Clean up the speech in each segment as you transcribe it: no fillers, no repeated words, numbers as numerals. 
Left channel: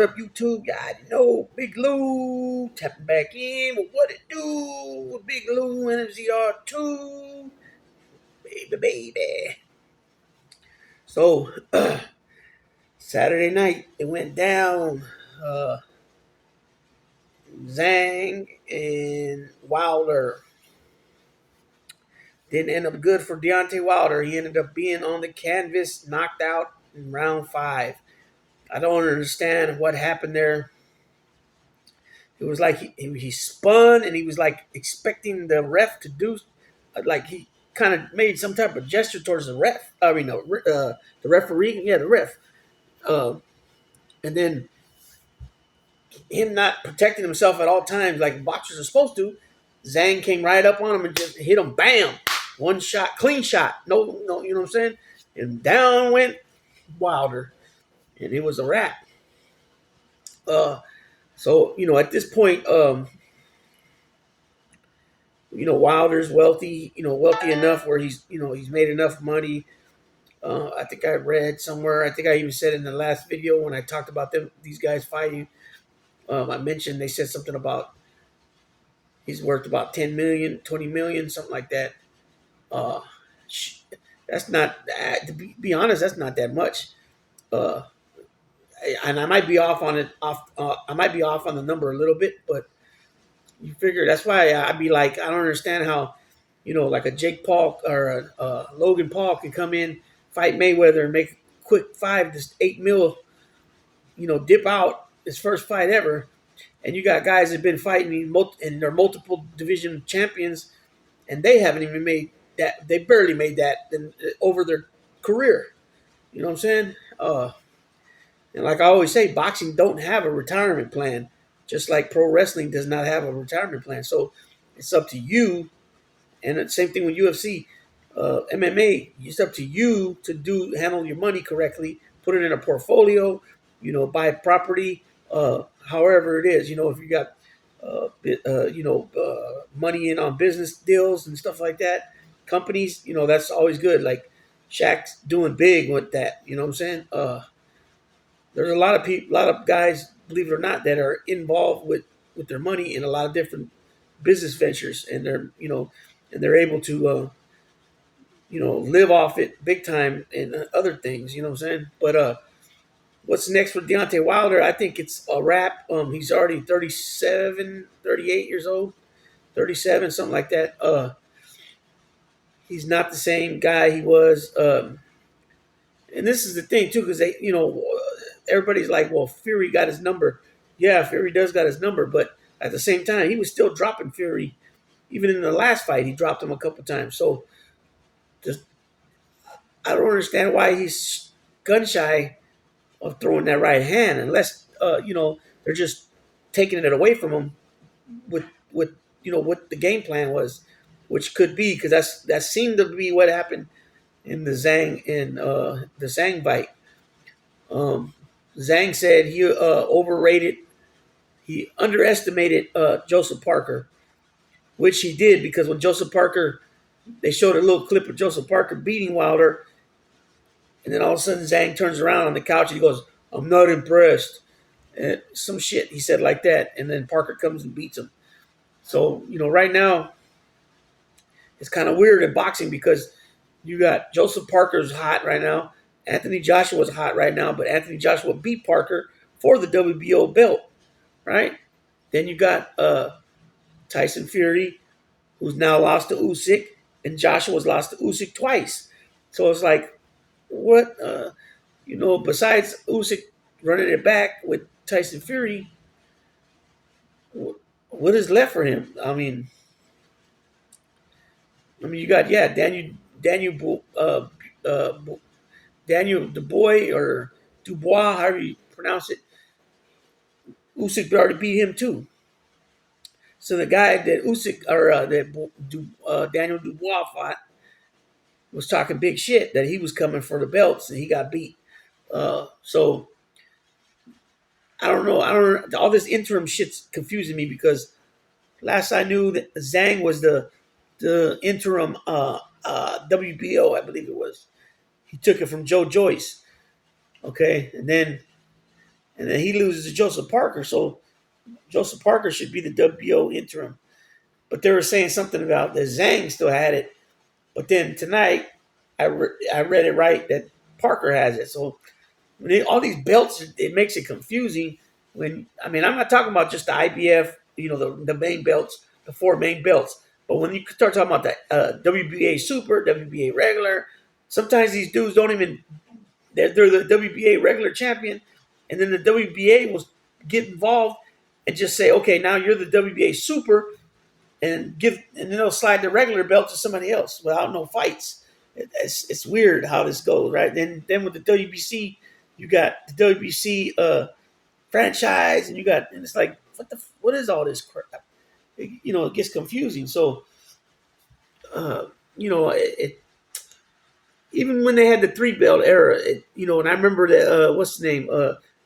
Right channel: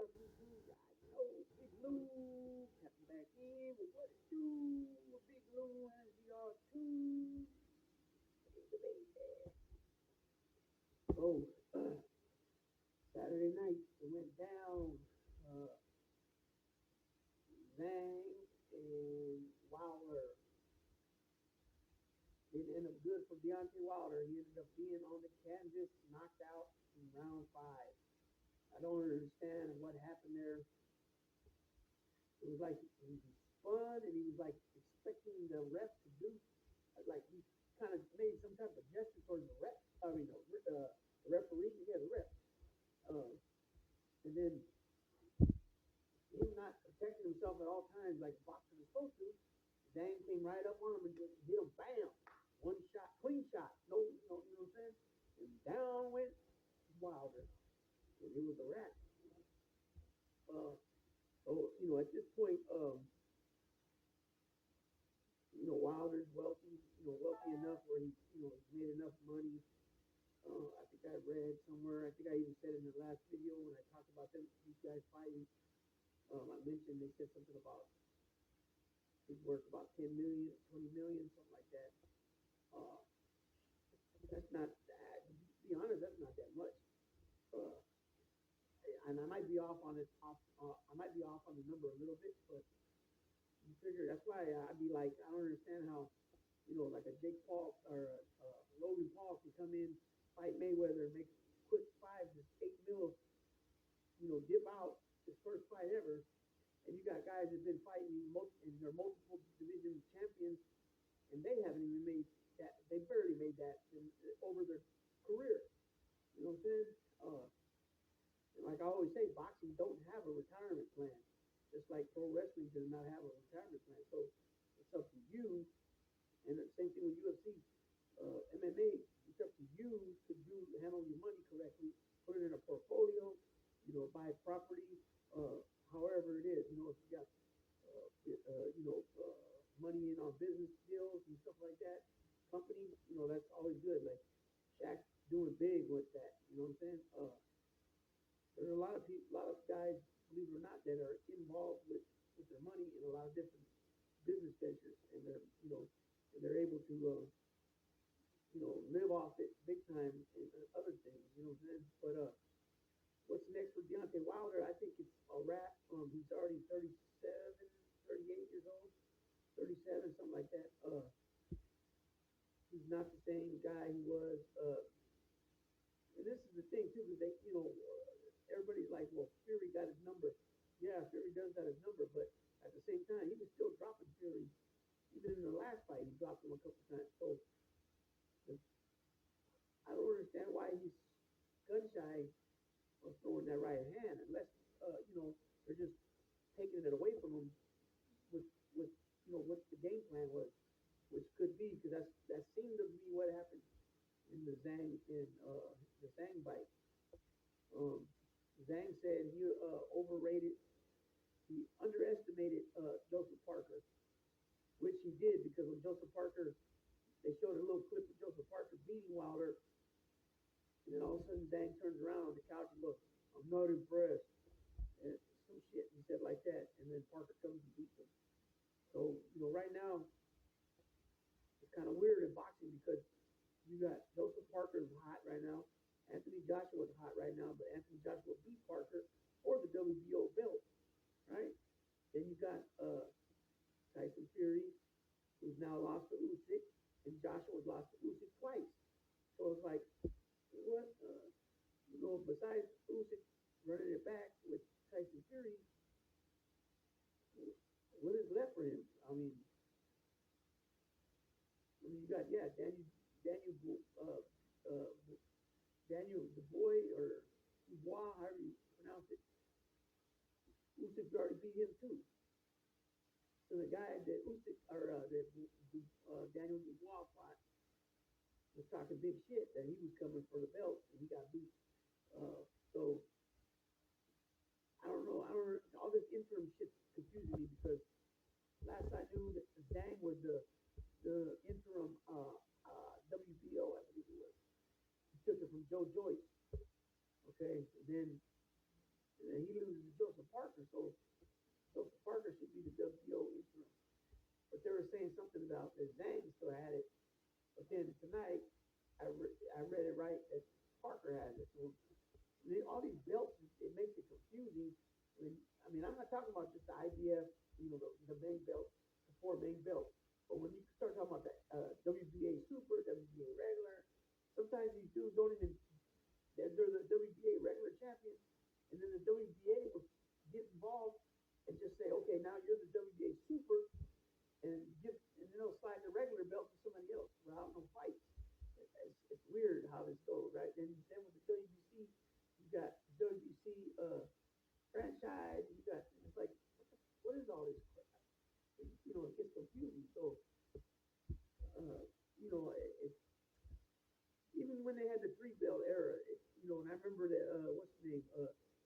What up, YouTube? Yeah, I know Big Lou tapping back in. But what it do? Big Lou NZR2, baby. So Saturday night it went down. Uh, Zhang and Wilder didn't end up good for Deontay Wilder. He ended up being on the canvas, knocked out in round 5. I don't understand what happened there. It was like he spun and he was like expecting the ref to do, like he kind of made some type of gesture towards the ref. I mean, no, the referee. Yeah, the ref. Uh, and then him not protecting himself at all times like boxers are supposed to. Zhang came right up on him and just hit him. Bam! One shot, clean shot. No, no, you know what I'm saying? And down went Wilder, and it was a wrap. So at this point, Wilder's wealthy, wealthy enough where he's made enough money. I think I read somewhere. I think I even said in the last video when I talked about these guys fighting. I mentioned they said something about he's worth about 10 million, 20 million, something like that. Uh, that's not, to be honest, that's not that much. Uh, and I might be off on it. I might be off on the number a little bit, but you figure that's why I'd be like, I don't understand how, like a Jake Paul or a Logan Paul can come in, fight Mayweather, and make a quick 5 to 8 mil, dip out his first fight ever, and you got guys that've been fighting and they're multiple division champions, and they haven't even made that. They barely made that over their career. You know what I'm saying? And like I always say, boxing don't have a retirement plan, just like pro wrestling does not have a retirement plan. So it's up to you. And the same thing with UFC, MMA. It's up to you to handle your money correctly, put it in a portfolio, buy property, however it is. If you got money in on business deals and stuff like that, companies, that's always good. Like Shaq's doing big with that. You know what I'm saying? There's a lot of people, a lot of guys, believe it or not, that are involved with their money in a lot of different business ventures, and they're able to live off it big time and other things. You know what I'm saying? But what's next for Deontay Wilder? I think it's a wrap. He's already 37, 38 years old, 37, something like that. He's not the same guy he was. And this is the thing too, because everybody's like, well, Fury got his number. Yeah, Fury does got his number, but at the same time, he was still dropping Fury. Even in the last fight, he dropped him a couple times. So, just I don't understand why he's gun shy of throwing that right hand, unless they're just taking it away from him with what the game plan was, which could be because that seemed to be what happened in the Zhang fight. Um, Zhang said he underestimated Joseph Parker, which he did because when Joseph Parker, they showed a little clip of Joseph Parker beating Wilder, and then all of a sudden Zhang turns around on the couch and he goes, "I'm not impressed," and some shit he said like that, and then Parker comes and beats him. So right now it's kind of weird in boxing because you got Joseph Parker's hot right now. Anthony Joshua's hot right now, but Anthony Joshua beat Parker for the WBO belt, right? Then you got Tyson Fury, who's now lost to Usyk, and Joshua's lost to Usyk twice. So it's like, what? Besides Usyk running it back with Tyson Fury, what is left for him? You got uh, Daniel Dubois or Dubois, however you pronounce it. Usyk already beat him too. So the guy that Usyk or Daniel Dubois fought was talking big shit that he was coming for the belts and he got beat. So I don't know. I don't. All this interim shit's confusing me because last I knew that Zhang was the interim WBO, I believe it was. He took it from Joe Joyce. Okay, and and then he loses to Joseph Parker. So Joseph Parker should be the WBO interim. But they were saying something about that Zhang still had it. But then tonight, I read it right that Parker has it. So all these belts, it makes it confusing. When I mean, I'm not talking about just the IBF, the main belts, the four main belts. But when you start talking about the WBA Super, WBA Regular, sometimes these dudes don't even they're the WBA Regular champion, and then the WBA will get involved and just say, okay, now you're the WBA Super, and then they'll slide the regular belt to somebody else without no fights. It's weird how this goes, right? Then with the WBC, you got the WBC franchise, and it's like what is all this crap? It gets confusing. So uh, even when they had the three belt era, and I remember that what's his name,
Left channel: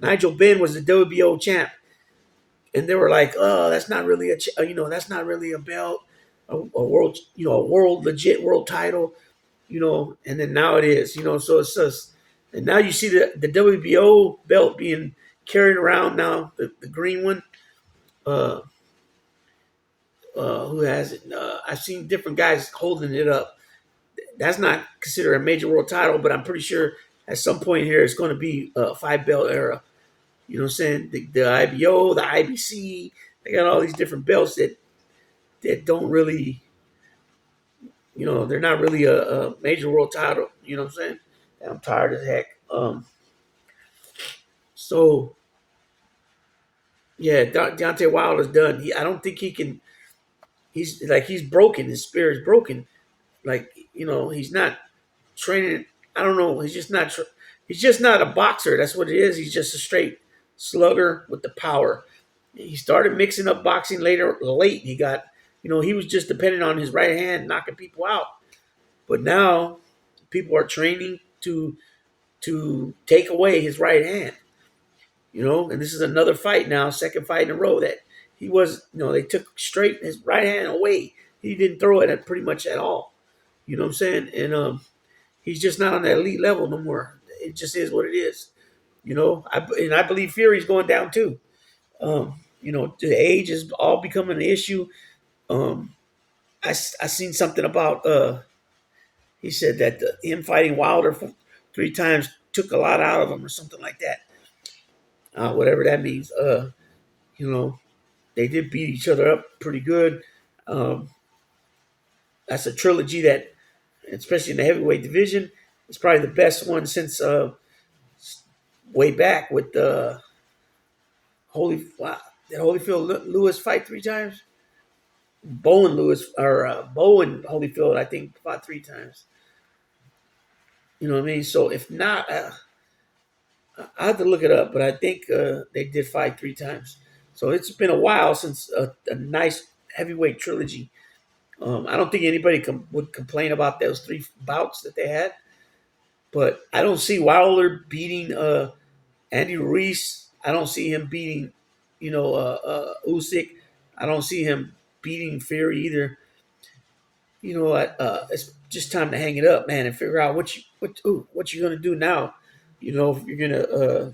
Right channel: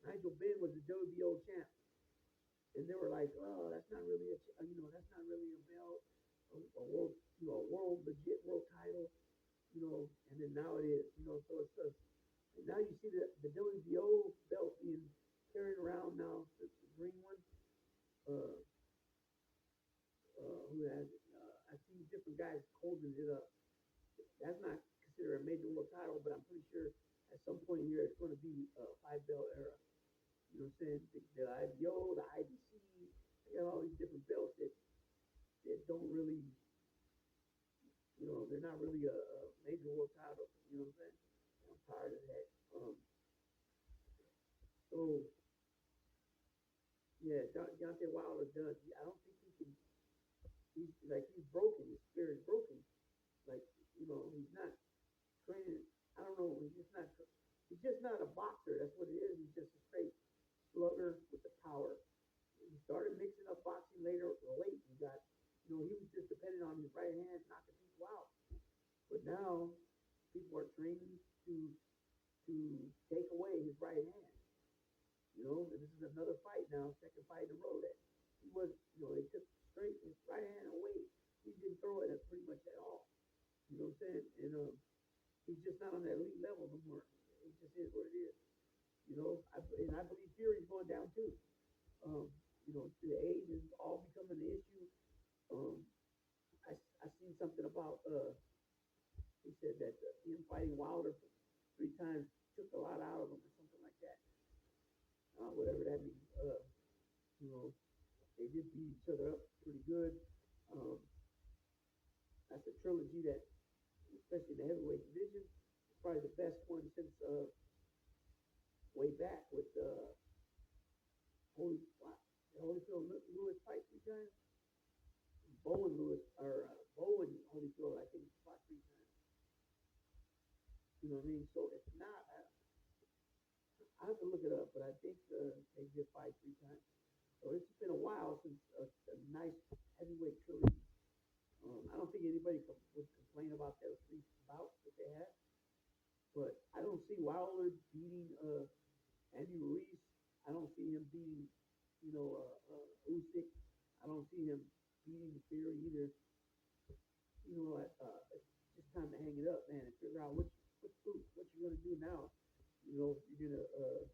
Nigel Benn was the WBO champ, and they were like, "Oh, that's not really that's not really a belt, a world, a world legit world title, And then now it is, So it's just, and now you see the WBO belt being carried around now, the green one. Uh, who has it? I've seen different guys holding it up. That's not considered a major world title, but I'm pretty sure at some point here it's going to be a five belt era. You know what I'm saying? The IBO, the IBC, they got all these different belts that don't really, they're not really a major world title. You know what I'm saying? And I'm tired as heck. So yeah, Deontay Wilder's done. I don't think he can. He's broken. His spirit's broken. Like he's not training. I don't know. He's just not. He's just not a boxer. That's what it is. He's just a straight slugger with the power. He started mixing up boxing late. He got, he was just dependent on his right hand, knocking people out. But now people are training to take away his right hand. And this is another fight now, second fight in a row that he was, they took straight his right hand away. He didn't throw it at pretty much at all. You know what I'm saying? And he's just not on that elite level no more. It just is what it is. I believe Fury's going down too. The age is all becoming an issue. Um, I seen something about he said that him fighting Wilder for three times took a lot out of him or something like that. Whatever that means. You know, they did beat each other up pretty good. Um, that's a trilogy that, especially in the heavyweight division, is probably the best one since way back with Holy. Wow, did Holyfield Lewis fight three times? Bowen Holyfield, I think, fought three times. You know what I mean? So if not, I have to look it up, but I think they did fight three times. So it's been a while since a nice heavyweight trilogy. I don't think anybody would complain about those three bouts that they had, but I don't see Wilder beating Andy Ruiz. I don't see him beating, Usyk. I don't see him beating Fury either. It's just time to hang it up, man, and figure out what you're gonna do now. If you're gonna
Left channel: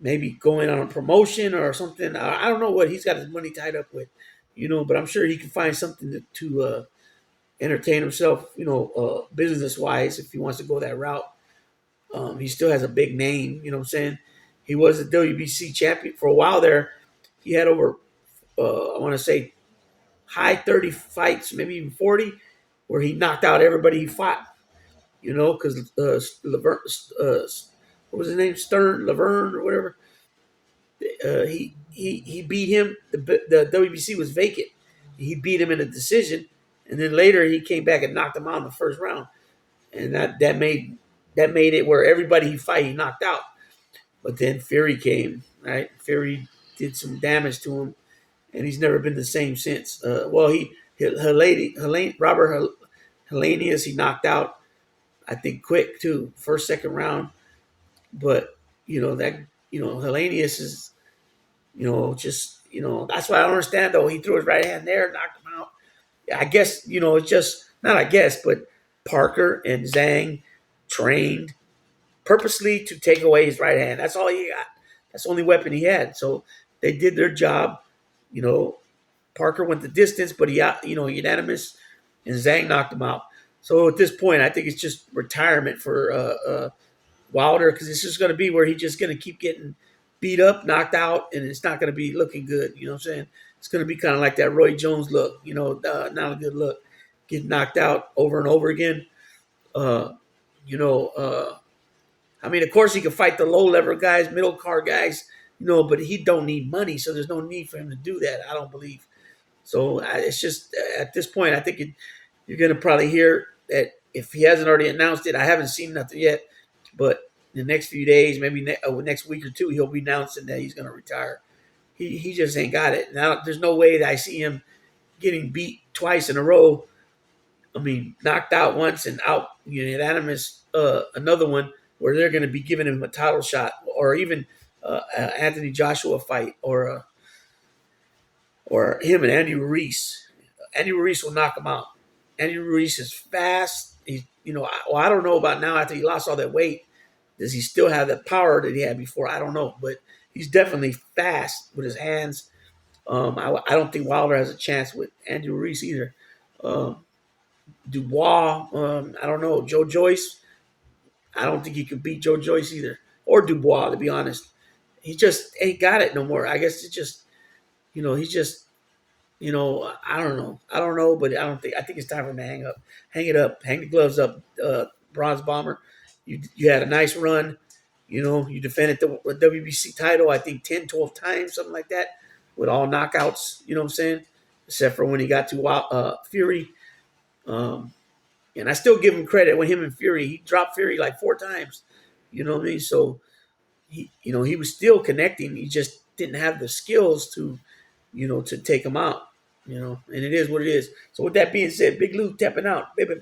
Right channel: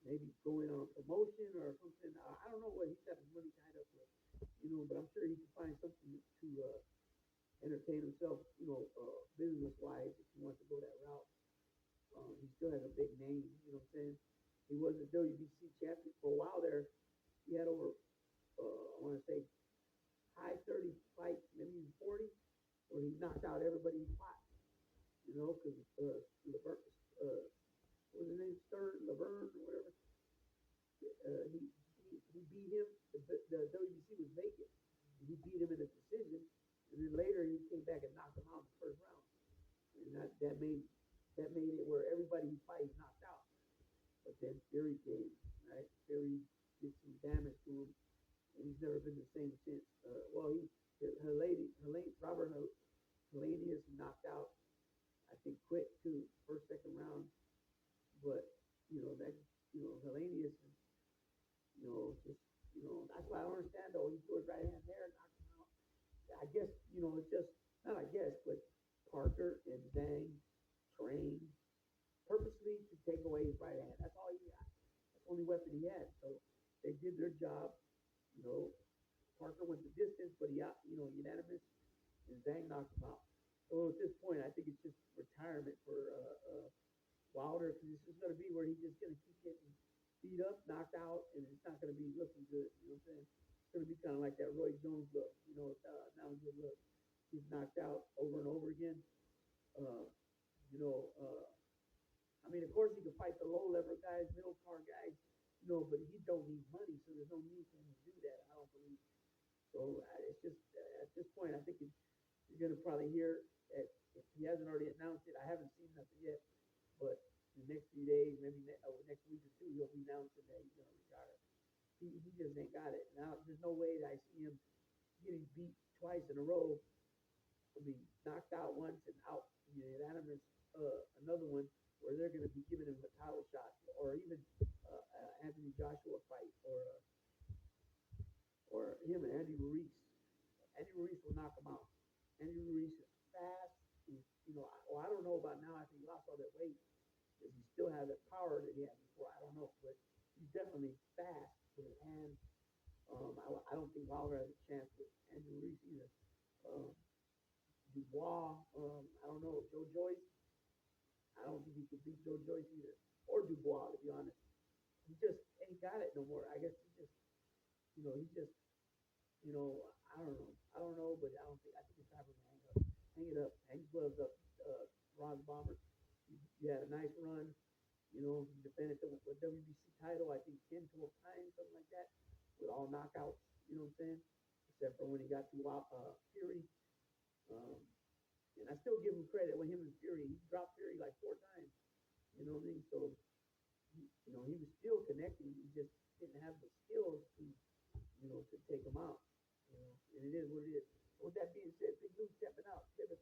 maybe go in on a promotion or something. I don't know what he's got his money tied up with, but I'm sure he can find something to entertain himself, business wise, if he wants to go that route. He still has a big name, you know what I'm saying? He was a WBC champion for a while there. He had over, I want to say, high 30 fights, maybe even 40, where he knocked out everybody he fought, because Laverne, what was his name? Laverne or whatever. He beat him. The WBC was vacant. He beat him in a decision, and then later he came back and knocked him out in the first round, and that made it where everybody he fight he knocked out. But then Fury came, right? Fury did some damage to him, and he's never been the same since. Robert Helenius he knocked out, I think, quick too, first second round. But Helenius is just that's why I don't understand though. He threw his right hand there, knocked him out. I guess it's just not. I guess, but Parker and Zhang trained purposely to take away his right hand. That's all he got. That's the only weapon he had. So they did their job. You know, Parker went the distance, but he out, unanimous, and Zhang knocked him out. So at this point, I think it's just retirement for Wilder, because it's just going to be where he's just going to keep getting beat up, knocked out, and it's not going to be looking good. You know what I'm saying? It's going to be kind of like that Roy Jones look. Not a good look. Getting knocked out over and over again. Uh, you know, I mean, of course, he can fight the low level guys, middle card guys, but he don't need money, so there's no need for him to do that. I don't believe. So it's just at this point, I think you're going to probably hear that if he hasn't already announced it. I haven't seen nothing yet, but in the next few days, maybe next week or two, he'll be announcing that he's going to retire. He just ain't got it. Now, there's no way that I see him getting beat twice in a row. I mean, knocked out once and out unanimous another one, where they're going to be giving him a title shot, or even Anthony Joshua fight, or him and Andy Ruiz. Andy Ruiz will knock him out. Andy Ruiz is fast. I don't know about now after he lost all that weight. Does he still have that power that he had before? I don't know, but he's definitely fast with his hands. I don't think Wilder has a chance with Andy Ruiz either. Dubois, I don't know. Joe Joyce, I don't think he could beat Joe Joyce either, or Dubois, to be honest. He just ain't got it no more. I guess it's just, he's just, I don't know. I don't know, but I think it's time for him to hang it up, hang the gloves up. Bronze Bomber, you had a nice run. You defended the WBC title, I think 10, 12 times, something like that, with all knockouts. You know what I'm saying? Except for when he got to Fury. And I still give him credit when him and Fury, he dropped Fury like 4 times. You know what I mean? So he was still connecting. He just didn't have the skills to take him out. And it is what it is. So with that being said, Big Lou tapping out, baby.